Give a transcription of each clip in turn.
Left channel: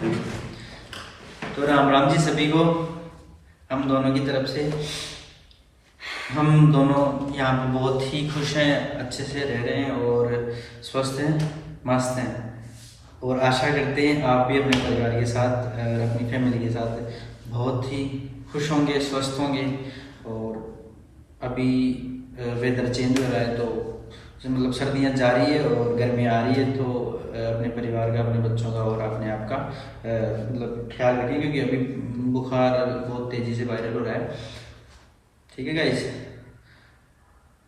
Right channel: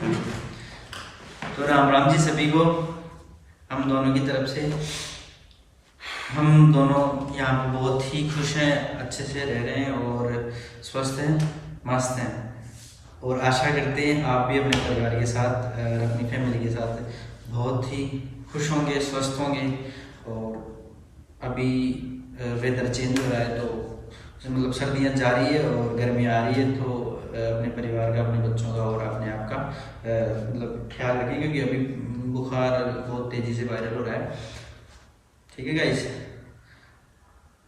तो राम राम जी सभी को, हम दोनों की तरफ से। हम दोनों यहाँ पे बहुत ही खुश हैं, अच्छे से रह रहे हैं और स्वस्थ हैं, मस्त हैं। और आशा करते हैं आप भी अपने परिवार के साथ, अपनी फैमिली के साथ बहुत ही खुश होंगे, स्वस्थ होंगे। और अभी वेदर चेंज हो रहा है तो मतलब सर्दियाँ जा रही है और गर्मी आ रही है, तो अपने परिवार का, अपने बच्चों का और अपने आप का मतलब ख्याल रखें, क्योंकि अभी बुखार बहुत तेज़ी से वायरल हो रहा है। ठीक है गाइस,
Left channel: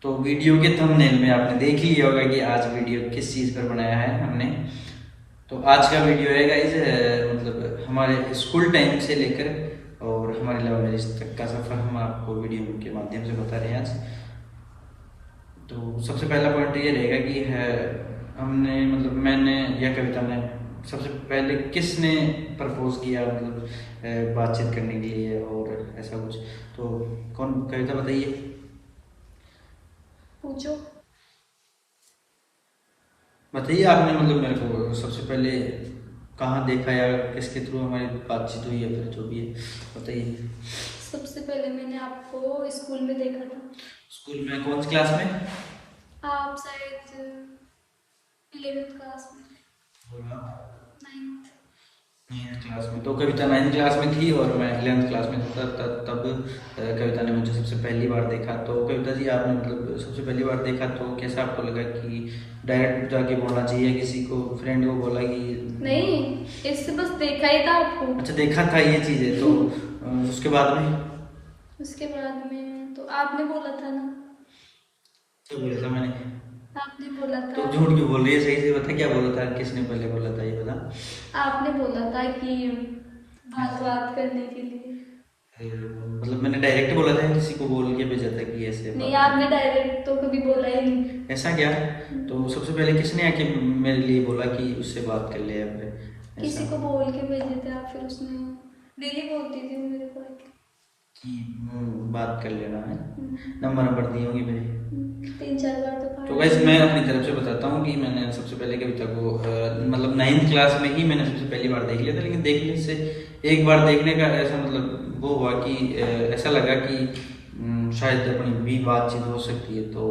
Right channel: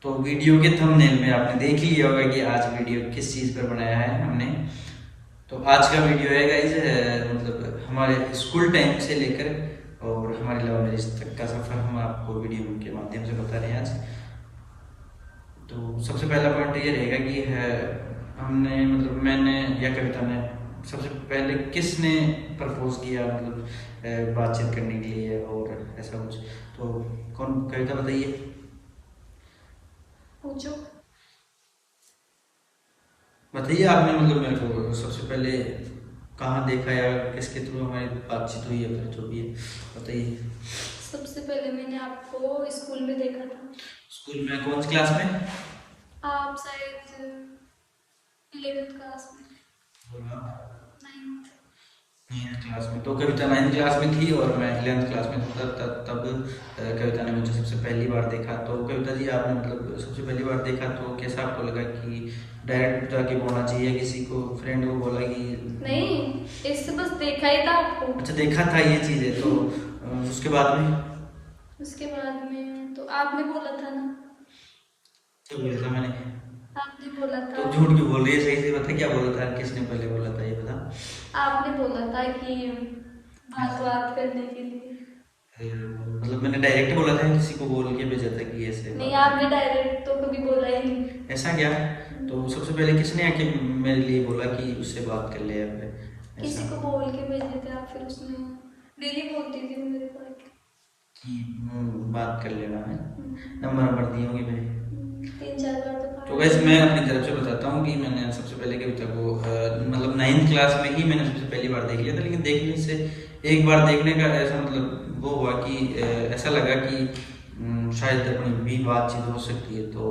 तो वीडियो के थंबनेल में आपने देख लिया होगा कि आज वीडियो किस चीज़ पर बनाया है हमने। तो आज का वीडियो है गाइस मतलब हमारे स्कूल टाइम से लेकर और हमारे लव मैरिज तक का सफ़र हम आपको वीडियो के माध्यम से बता रहे हैं आज। तो सबसे पहला पॉइंट ये रहेगा कि है हमने मतलब मैंने या कविता ने सबसे पहले किसने प्रपोज किया, मतलब बातचीत करने के लिए और ऐसा कुछ। तो कौन, कविता बताइए। पूछो। बताइए आपने मतलब मेरे को सबसे पहले कहाँ देखा या किसके थ्रू हमारी बातचीत हुई है, फिर जो भी है बताइए। सबसे पहले मैंने आपको स्कूल में देखा था। स्कूल में कौन सी क्लास में? आप शायद 11th क्लास में। और आप? 9th। 9th क्लास में। तो कविता 9th क्लास में थी और मैं 11th क्लास में था। तब कविता ने मुझे सबसे पहली बार देखा। तो कविता जी आपने मतलब सबसे पहली बार देखा तो कैसा आपको लगा कि डायरेक्ट जाके बोलना चाहिए, किसी को फ्रेंड को बोला कि नहीं, इससे बस देखा ही था आपको। अच्छा देखा था ये चीज़ है। तो उसके बाद में तो आपने बोला था ना। क्या बोला था मैंने? आपने बोला तो था। झूठ क्यों बोल रही है, सही से बता क्या बोला था, किसने पहले बोला था ये बता। आपने बोला था कि बात करने के लिए। मतलब मैंने डायरेक्ट बोला था या किसी को बोल के भेजा था कि ऐसे नहीं, बात आपने डायरेक्ट तो कभी बोला ही नहीं। ऐसा क्या? तो सबसे पहले किसने आके मेरे लिए बोला कि उससे बात कर ले या फिर किसी ऐसा को बोल के भेजे थे आप, फिर उसने दीदी बोलती थी वो मेरे को कि बात कर लेना है। नंबर नंबर दिए होंगे मेरे। 3-4 बार तो गाइस मैं अपनी तरफ से बताता हूँ कि मैंने सबसे पहले कविता को मतलब 9th क्लास में ही मैंने सबसे पहली बार देख लिया था। लेकिन देखने से एक बार देखने का ऐसा मतलब वो हुआ कि ऐसा लगा कि शायद अपनी भी बातचीत हो सकती है। तो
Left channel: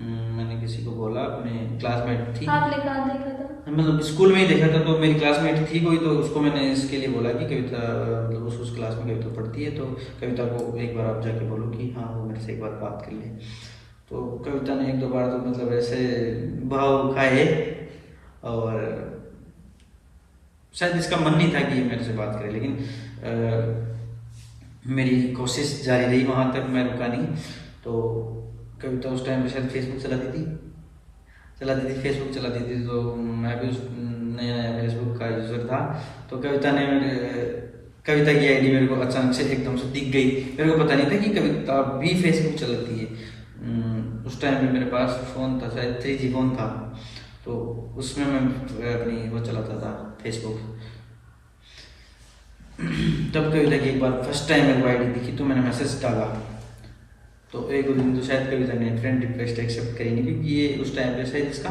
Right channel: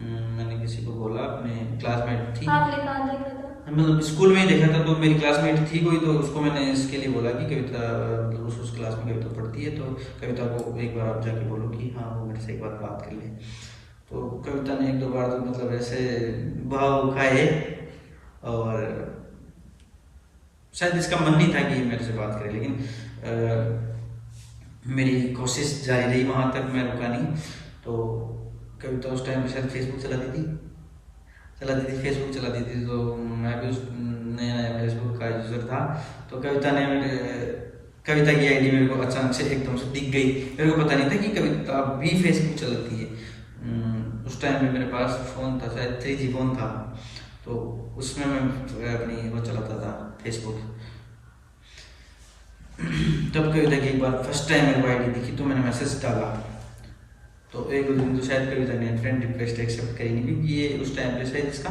मैंने किसी को बोला, अपने क्लासमेट थी। आपने कहाँ देखा था? मतलब स्कूल में ही देखा था। तो मेरी क्लासमेट थी कोई, तो उसको मैंने इसके लिए बोला कि कविता मतलब उस क्लास में कविता पढ़ती है, तो कविता को एक बार आप जाके बोलो कि हाँ वो मेरे से एक बार बात कर ले। तो कविता ने 1-2 बार तो मतलब ऐसे भाव खाए और शायद इसका मन नहीं था कि ये मेरे से बात करे, लेकिन मेरी कोशिश जारी रही, वहाँ तक मैं रुका नहीं। तो कविता उस टाइम पे शायद फेसबुक चलाती थी, फेसबुक चलाती थी। तो मैं भी उस नया नया फेसबुक का यूज़र था। तो कविता की आईडी मेरे को अचानक से एकदम से दिख गई। मेरे को पता नहीं था कि कविता भी फेसबुक चलाती है। उस टाइम पे मेरे पास फ़ोन था, शायद 3G फ़ोन था। तो उसमें मैं अपनी वो चलाता था फेसबुक। तब कविता की एक बार फर्स्ट टाइम मेरे को आईडी दिखी तो मैंने मैसेज डाला। तो एक दो दिन तो शायद कविता ने फ्रेंड रिक्वेस्ट एक्सेप्ट करी नहीं, क्योंकि ये उस टाइम पे शायद इसका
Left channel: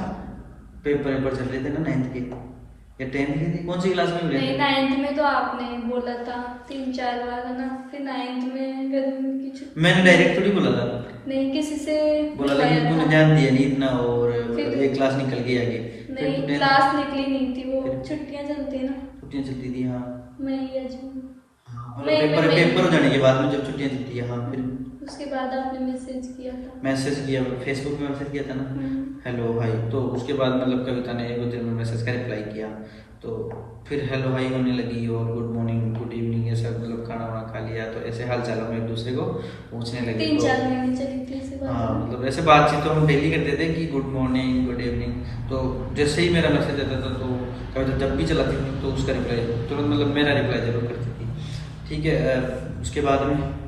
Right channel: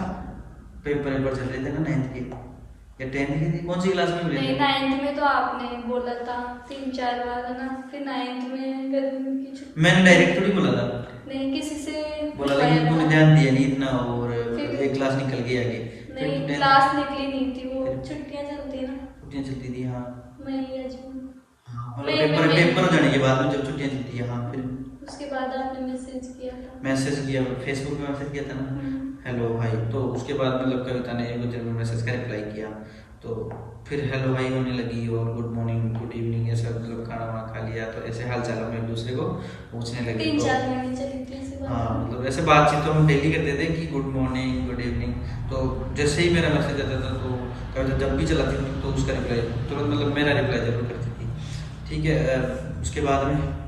पेपर चल रहे थे ना 9th के या 10th के थे। कौन सी क्लास में मिले थे? 9th में तो आपने बोला था 3-4 बार है ना, फिर 9th में गर्मी की छुट्टी। मैंने डायरेक्ट थोड़ी बोला था, नहीं, किसी से बोला, लेकिन तूने ध्यान दिया नहीं इतना और मतलब फिर एक क्लास निकल गई आगे। नहीं, क्लास निकली नहीं थी, वो छुट्टियां चलती है ना, छुट्टियाँ चलती थी हाँ। मई या जून। हाँ मतलब पेपर हो जाने के बाद में जब छुट्टियाँ चलती है हाँ। फिर उसके बाद आपने मैसेज किया था। मैसेज किया, फेसबुक में मैसेज किया था ना, हेलो भाई। तो उसके बाद मतलब कविता ने एक दिन में मैसेज का रिप्लाई किया। तो फिर हेलो भाई होने लगी और गुड मॉर्निंग गुड इवनिंग ये सब, मतलब खाना वाना खा लिया तो ऐसे हाल चाल हम एक दूसरे को पूछने लगे। 3-4 महीने चली थी ऐसे बात। हाँ मतलब ऐसे बातचीत तो हम डेली करते थे कि गुड मॉर्निंग गुड इवनिंग। तो जैसे ही मेरा मैसेज आता था तो कविता जब भी चलाती थी तो उसका रिप्लाई तुरंत मतलब मेरा रिप्लाई जरूर करती थी। ठीक है, उसके बाद में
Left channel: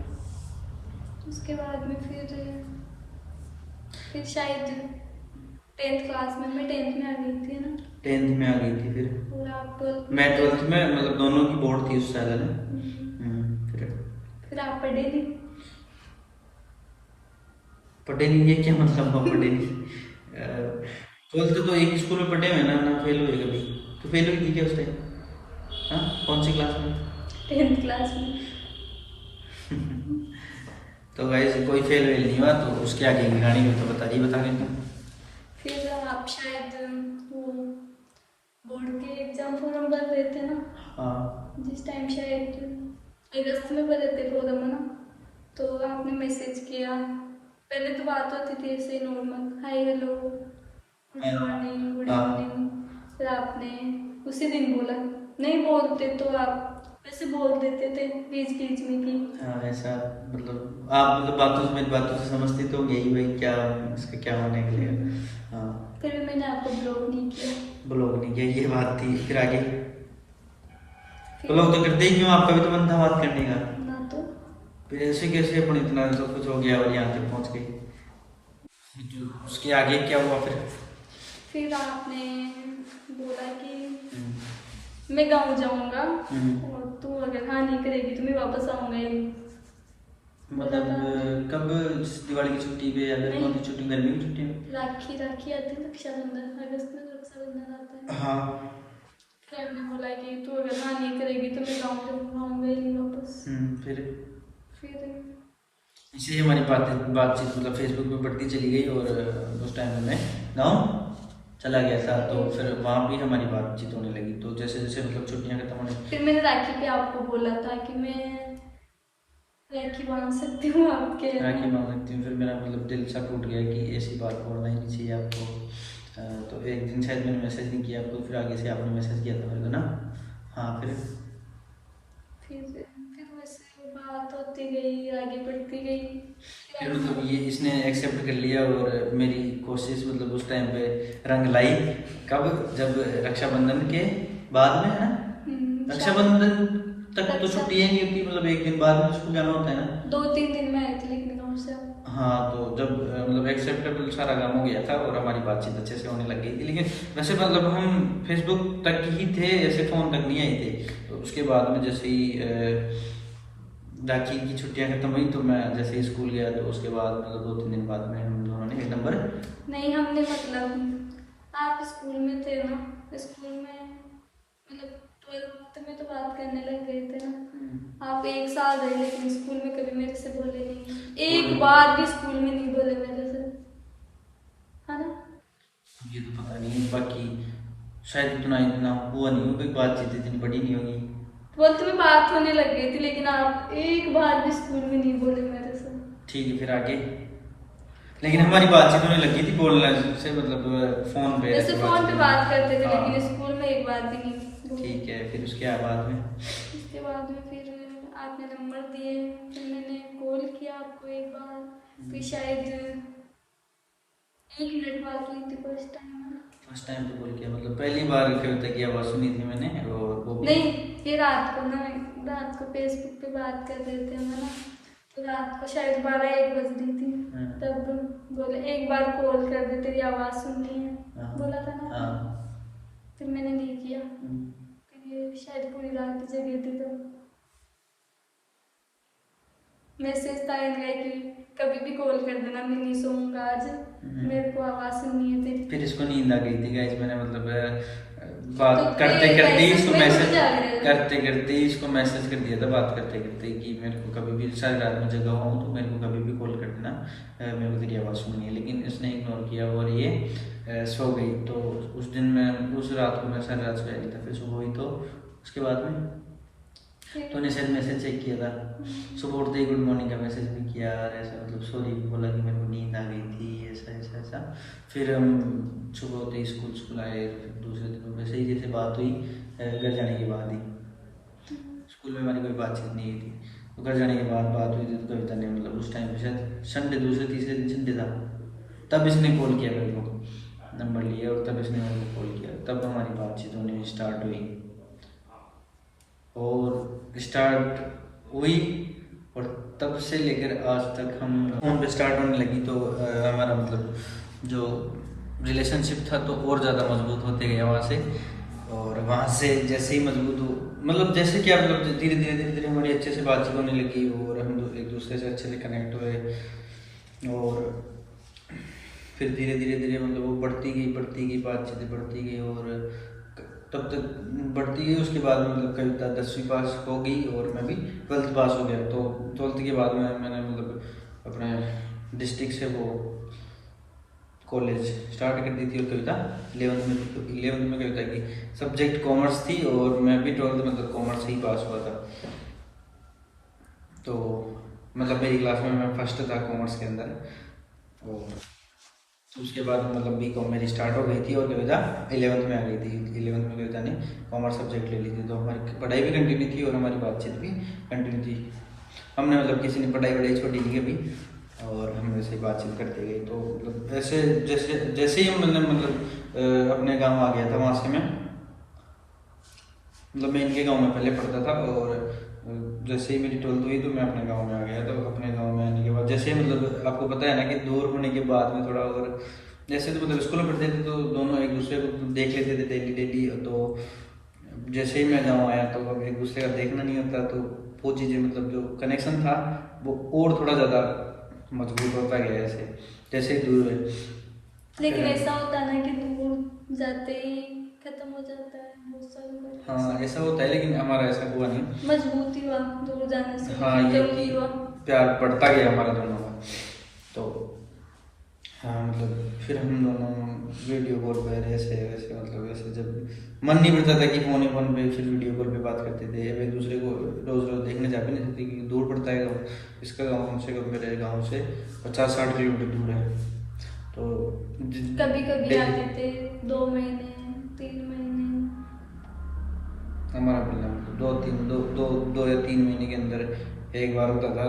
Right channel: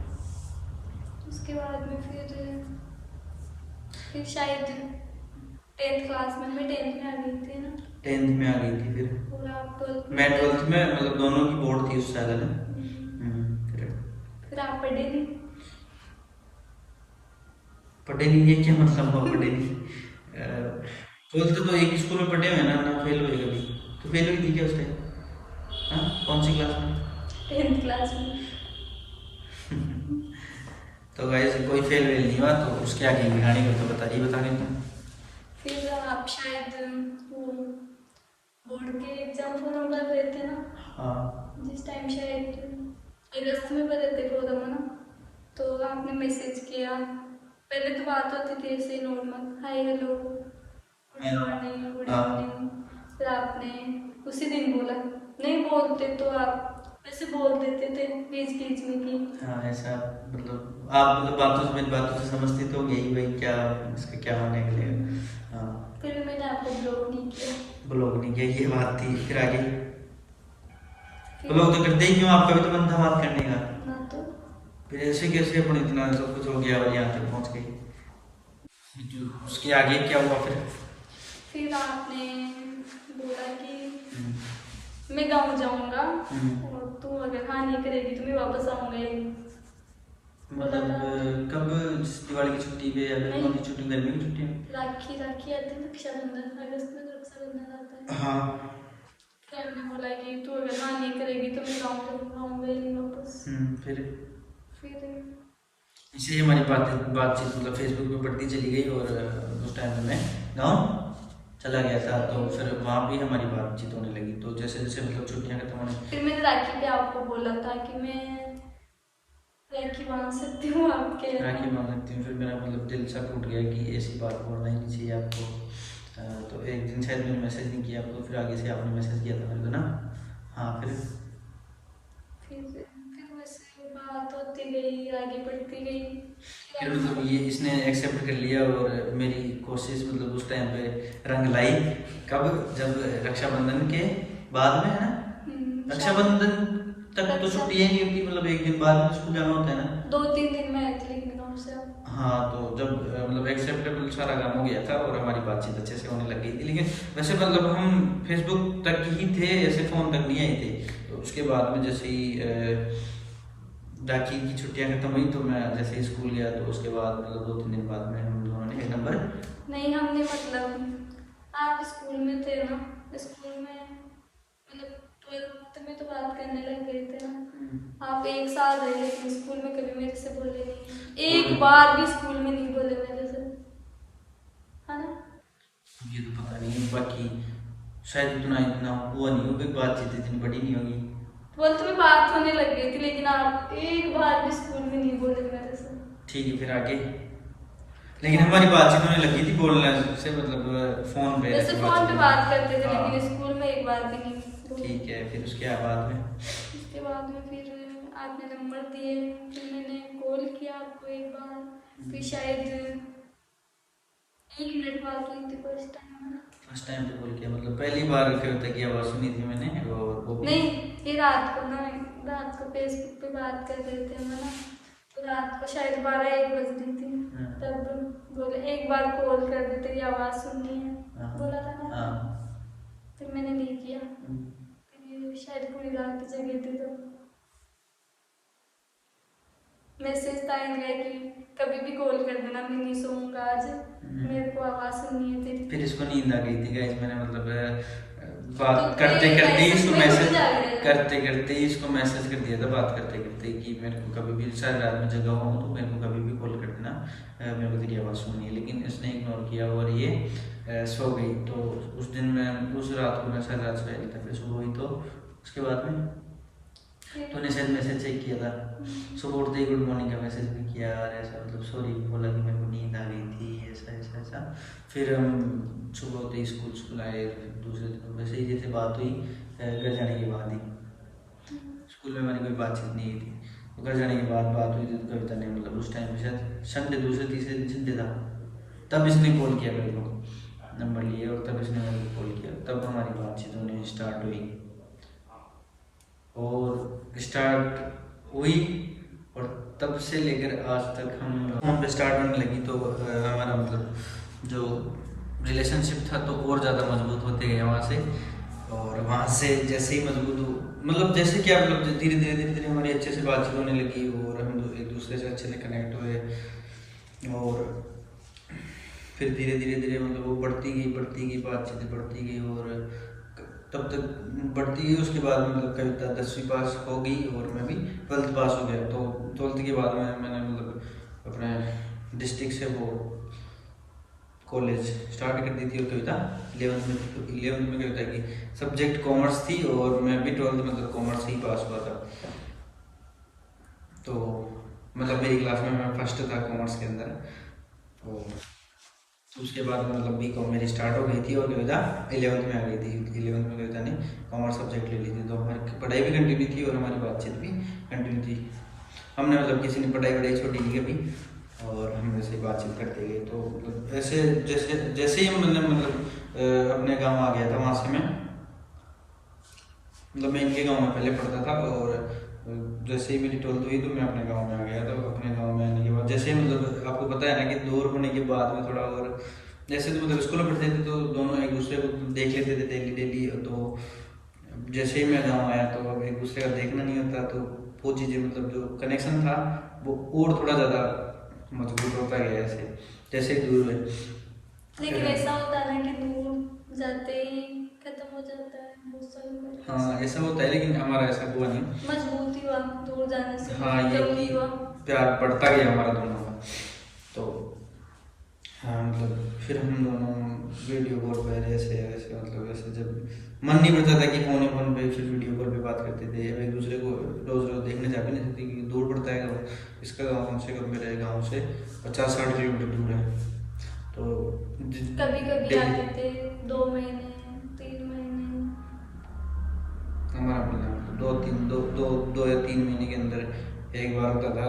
फिर शायद 10th क्लास में, मैं 10th में आ गई थी ना। 10th में आ गई थी फिर। और आप 12th मैं 12th में, मतलब दोनों की बोर्ड थी उस साल में। फिर आप पढ़े नहीं। पढ़े नहीं ये क्या मतलब हुआ पढ़े नहीं? 12th तो एक स्कूल में पढ़े हुए ना, ना फेल हुए कभी। तो फेल हुई थी क्या उस टाइम? हाँ, कौन सी क्लास में? 10th क्लास में। तो गाइस कोई फेल वेल नहीं हुआ, तो उसके आगे की कहानी को तो बता के तुम। फिर आप शायद बोर्ड के एग्जाम फॉर्म भर रहे थे ना, हाँ जिस टाइम शायद अगस्त में भरे थे फॉर्म है ना, तो आपने मैसेज किया। पहले तो बात होती थी ऐसे normal, hi hello good morning good हाँ। इवनिंग। फिर आपने उसी दिन बोला, नहीं बोलते तो आप वैसे बोल देते थे बीच बीच में कि हाँ, ऐसा मतलब आप मतलब बातों से, मेरी बातों से समझती तो यही भाई क्या इसका क्या होने के लिए। हाँ, फिर मैंने आपको ब्लॉक नहीं किया। ब्लॉक नहीं किया, ये बात थी। फिर आगे फिर ब्लॉक तो करते ही क्यों, आपका भी तो मन था बात करने का। ना तो फिर ऐसे कैसे अपन इतना सब कुछ हो गया और यहाँ तक पहुँच गए। तो उसके आगे क्या हुआ फिर आपने बोला कि मैं गाँव जाऊंगा और तू अगर हाँ नहीं करेगी तो मैं वापस आऊंगा ही। मतलब कब, दिवाली की छुट्टी पे या फिर कौन सी छुट्टी, गर्मी की छुट्टी में? राखी राखी आती है, रक्षाबंधन अगस्त में रक्षाबंधन आता है। हाँ। फिर हमने बोला कि तू अगर हाँ नहीं करेगी तो मैं गाँव आऊंगा ही नहीं वापस। फिर इसे हमारी बातचीत मतलब फेसबुक पे बढ़ती चली गई, और उस टाइम में मैं गाँव चला गया था, तो फिर वहाँ भी हमारी बातचीत होने लगी। तो जैसे जैसे मतलब छुट्टियाँ खत्म होने, फिर मैंने राखी पे आपको बोला था कि मैं राखी बांध सकती हूँ आपके। राखी बांध सकती हूँ। फिर मेरा मतलब दिल सा टूट गया कि ऐसी बात बोलना ही नहीं चाहिए आपको। तो एक दिन शायद मैंने मैसेज नहीं किया आपको, फिर आगे से आपने मैसेज किया था मेरे को ना। हाँ, फिर वैसे बात होती गई, आगे बढ़ती गई। फिर मतलब ये इसने एक्सेप्ट कर लिया, और मेरी कोशिश मतलब उस टाइम पे रंग लाई। कब? जब रक्षाबंधन के बाद में है ना, रक्षाबंधन तक तो छुट्टी है नहीं होती, मतलब एक दिन बाद में स्कूल जाना होता है ना। 2-3 दिन में आए थे लेकिन गाँव से। हाँ, तो जब मतलब एक्सेप्टेबल सारा काम हो गया था और हमारी बातचीत अच्छे से होने लग गई थी, लेकिन वैसे मतलब हम फेसबुक तक ही थे, ऐसे फ़ोन तक नहीं आए थे। तो उसके बाद में जैसे ही राखी की छुट्टियां खत्म हुई, तो मैं जैसे ही स्कूल गया, तो उसके बाद मतलब 2-3 दिन बाद में हम दोनों ने एक नंबर। नहीं, हमने मतलब आप स्कूल में थे ना, स्कूल में मतलब 12th में तो बात करने लग गए थे ना। आप 1 साल रहे लेकिन स्कूल में कभी मेरे से बोले नहीं, एक बार भी स्कूल में नहीं बोले मेरे से, है ना। ये तो पता नहीं, बाकी शायद इतना इतना हुआ नहीं होगा, बातचीत इतनी बड़ी नहीं होगी। वो तुम्हें बात होने लग गई थी लेकिन आप एक बार भी स्कूल में नहीं बोले मेरे से। ठीक है, फिर आगे लेकिन हमारी बातचीत होने लगी थी बोलने से, मतलब फोन पे जैसे फोन पे बात करते थे लेकिन स्कूल में एक बार भी नहीं। ठीक है, फिर उसके बाद में फिर आपने नंबर दिए, फिर मैंने कॉल किया आपको एक बार, फिर शायद 1 मिनट बात हुई थी फर्स्ट टाइम पे कॉल किया, मतलब पहली बार कविता की आवाज़ सुनी थी मैंने, और वो भी नहीं, फिर रात को फेसबुक पे बात कर रहे थे हम ना, तो रात को शायद 12-1 बज रही थी। तब बोले एक बार कॉल कर दे, तेरी आवाज़ सुननी है, बोला था ना। फिर मैंने नहीं किया, फिर शायद पूरी रात जगी थी, तो मैसेज था इनका कि कभी भी कॉल कर देना, मैं नहीं सोऊंगा आज, मेरे को आवाज़ सुननी है तेरी। फिर इसको नींद आ गई थी गाइस, मैंने मतलब बात करते करते इसको मैसेज करते ही इसको मैसेज कर दिया था, बात करते करते कि मेरे को कभी भी सारी रात में जगा हुआ हूँ, तो मेरे को कभी भी कॉल कर देना, मेरे को तेरी आवाज़ सुननी है। लेकिन इसने इग्नोर किया और ये सो गई। तो उस दिन मैं उस रात को मैं सारी रात सोया नहीं था, फिर सुबह हुई तो उसके बाद में तो ने शायद मैसेज चेक किया था, सुबह उठते ही गुड मॉर्निंग का मैसेज भी किया, और ऐसा मतलब सॉरी भी बोला कि मेरे को नींद आ गई थी, ऐसा ऐसा ऐसा। फिर हम सुबह होते ही स्कूल आए, फिर दूसरे दिन वैसे ही जैसे बात हुई घर जाने के बाद ही। स्कूल में हमारी कोई बातचीत नहीं थी, घर जाने के बाद बात हुई थी। तो कविता ने मतलब उस टाइम पे शायद संडे, दूसरे तीसरे दिन संडे था, तब इसने कॉल किया मेरे को, नंबर लिया और तब इसने मेरे को कॉल किया, तब हमारी बातचीत होनी स्टार्ट हुई। और स्टार्ट हुई और तब से लेकर आज तक हम फोन पे स्टार्ट होने लगी, तो हमारा मतलब जो रिलेशनशिप था तो और ज़्यादा मजबूत होते गया वहाँ से। और वहाँ से जैसे ही मजबूत हो, मतलब जैसे कि मतलब धीरे धीरे हमारी अच्छे से बातचीत होने लगी, और हम एक दूसरे से अच्छे से कनेक्ट हुए, और फिर धीरे धीरे मतलब वो बढ़ती गई बातचीतें बढ़ती गई, और तब तक बढ़ती गई। उसके बाद मतलब कविता 10वीं पास हो गई और मैं भी 12th पास हो गया। तो 12th के बाद मैंने मतलब अपने डिस्ट्रिक्ट से वो कॉलेज स्टार्ट कर दी थी और कविता 11th में थी। तो 11th में कविता की सब्जेक्ट कॉमर्स थी और मैं भी 12th मतलब कॉमर्स से ही पास हुआ था। तो मतलब मेरी क्लास में मैं फर्स्ट था कॉमर्स के अंदर। तो उसके बाद मतलब B.Com मेरी स्टार्ट हो गई थी और कविता 11th में आ गई थी। 11th में कविता ने कॉमर्स सब्जेक्ट ले ली थी। तो हमारी पढ़ाई भी कंटिन्यू थी और हमारी बातचीत भी कंटिन्यू थी। हमने मतलब किसी ने पढ़ाई छोटी नहीं कभी और हम वैसे ही बातचीत करते गए। तो मतलब ऐसे जैसे ही मतलब अपने गाँव आ गया था, वहाँ से मैं मतलब मैं इनके गाँव में पहले पढ़ता था और जैसे ही मेरी 12th हुई तो मैं अपने गांव में आ गया। तो अपने गांव में आने के बाद जैसे मतलब आपको पता है ना कि दूर होने के बाद में थोड़ा और जैसे तो मतलब स्कूल में पढ़ते थे तो दोनों एक दूसरे को देख लेते थे डेली। तो जैसे ही मैं गाँव आया तो अब एक दूसरे का देखना नहीं होता। तो वो चीज़ें मतलब जो कनेक्शन था वो और थोड़ा ज़्यादा मजबूत होता गया ऐसे जैसे ही दूर हुए। लेकिन ऐसा होता है ना कि दूर जाते ही खत्म हो जाता है। हाँ ऐसा होता है, लेकिन हमारा ऐसा हुआ नहीं, मजबूती हुआ दूर जाने से। हाँ ये कि प्यार बढ़ता गया हमारा दोनों का। तो हाँ मतलब फिर हम दोनों वीडियो कॉल पर ऐसे ऐसे मतलब ऐसे जब मन नहीं पड़ता था कि फोन पे फिर वीडियो कॉल पे बात करते थे। अब एक दूसरे को रोज रोज देखने जा भी नहीं सकते क्योंकि दूर पड़ता है। इसका गाँव कम से कम मेरे गाँव से 50-60 किलोमीटर दूर है। तो कभी कभी आते थे 2 महीने 3 महीने, हमारा मतलब 2 या 3 महीने के अंदर एक बार होता था।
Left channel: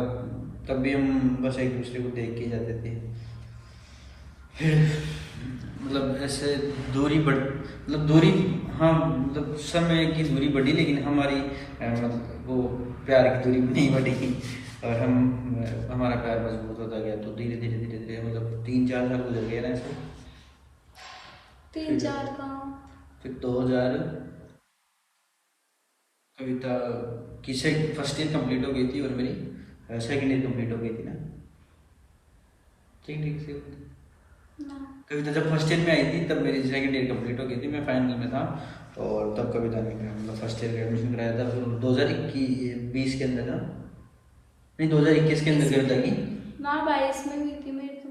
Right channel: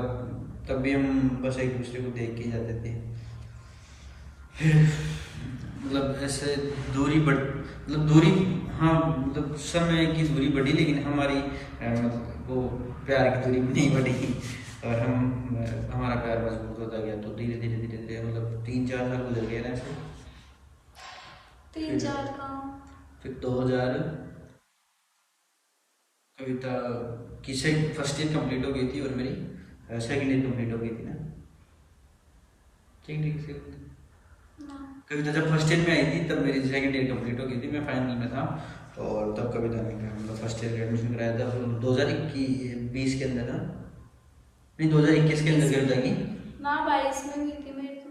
तब भी हम बस एक दूसरे को देख के जाते थे। फिर मतलब ऐसे दूरी हाँ मतलब समय की दूरी बढ़ी, लेकिन हमारी मतलब वो प्यार की दूरी भी नहीं बढ़ी और हमारा प्यार मजबूत होता गया। तो धीरे धीरे मतलब 3-4 साल गुजर गए ना ऐसे। 3-4 का फिर 2000 कविता की फर्स्ट ईयर कंप्लीट हो गई थी और मेरी सेकेंड ईयर कंप्लीट हो गई थी ना। ठीक से कविता जब फर्स्ट ईयर में आई थी तब मेरी सेकेंड ईयर कंप्लीट हो गई थी, मैं फाइनल में था। और तब कविता ने मतलब फर्स्ट ईयर का एडमिशन कराया था 2021 के अंदर ना, नहीं 2021 के अंदर कविता की 22 में हुई थी मेरी तो।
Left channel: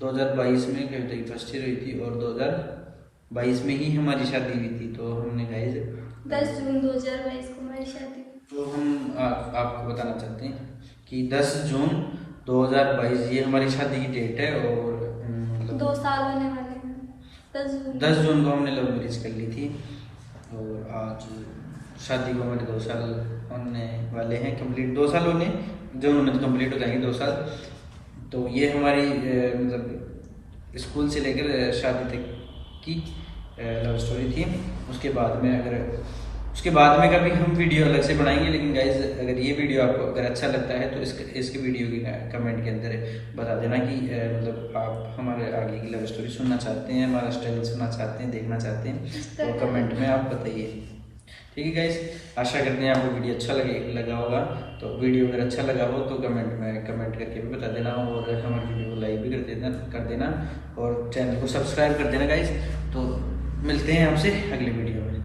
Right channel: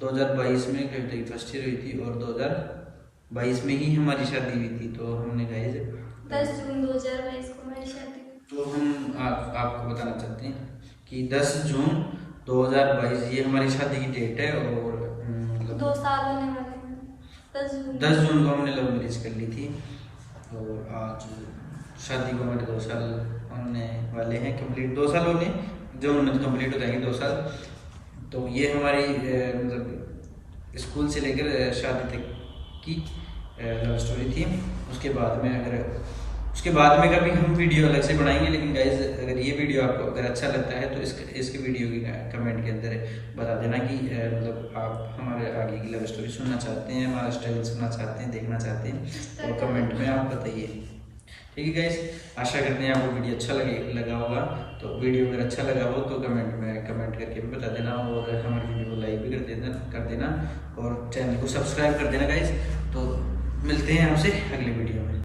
2022 में कविता की फर्स्ट ईयर हुई थी और 2022 में ही हमारी शादी हुई थी। तो हमने गाइस 10 जून 2022 को हमारी शादी। तो हम आपको बताना चाहते हैं कि 10 जून 2022 ये हमारी शादी की डेट है और मतलब 2 साल होने वाले हैं। 10 जून को हमने लव मैरिज कर ली थी और आज शादी को हमारे 2 साल होने वाले हैं कंप्लीट। 2 साल होने जून में कंप्लीट हो जाएंगे 2 साल। तो ये हमारी मतलब स्कूल से लेकर शादी तक की लव स्टोरी थी। उसके बाद में कभी हम वीडियो अलग से बनाएंगे। लेकिन गाइज अगर ये वीडियो आपको अगर अच्छा लगता है तो इसके वीडियो के कमेंट के अंदर बता देना कि मतलब आप हमारे आगे की लव स्टोरी सुनना चाहते हैं, हमारा स्टाइल सुनना चाहते हैं, देखना चाहते हैं, तो कमेंट में आप बताइए। ठीक है गाइज, आशा करते हैं आपको वीडियो अच्छा लगा होगा। तो वीडियो अगर अच्छा लगा हो तो कमेंट करके भी बता देना और हमारे वीडियो को लाइक भी कर देना और चैनल को सब्सक्राइब कर देना गाइज। तो मिलते हैं आपसे अगली वीडियो में।